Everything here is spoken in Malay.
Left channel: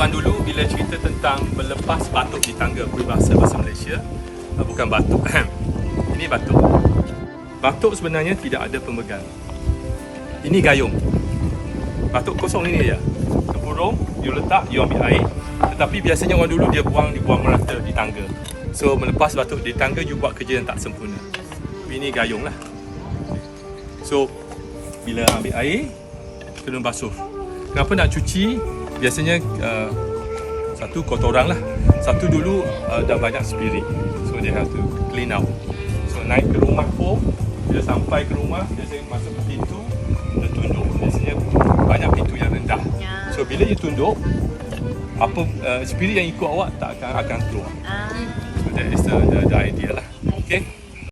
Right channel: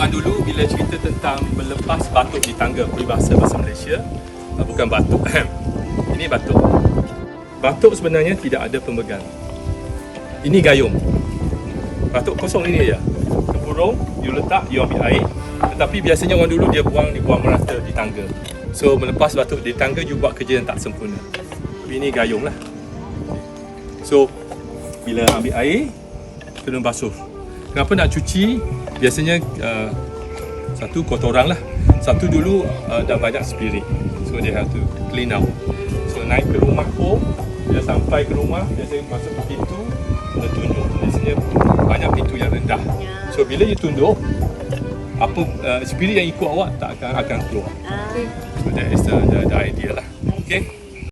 orang dulu bila cerita tentang melepas batuk di tangga, peribahasa bahasa Malaysia, bukan batuk. Ini batuk. Batuk sebenarnya tidak ada pemegang. Ini gayung. Batuk kosong ini aja. Tempurung, you letak, you ambil air. Tetapi biasanya orang dulu dia buang merata di tangga. So melepas batuk di tangga, you buat kerja yang tak sempurna. Ini gayung lah. So bila ambil air, kena basuh. Kenapa nak cuci? Biasanya satu kotoran lah. Satu dulu dah banyak spirit. So they have to clean out. So naik ke rumah pun, bila sampai ke rumah, biasanya masuk ke pintu, kita tunjuk. Biasanya banyak pintu yang rendah. So bila you tunduk, apa spirit yang ikut awak tak akan keluar. So that is the idea lah. Okay.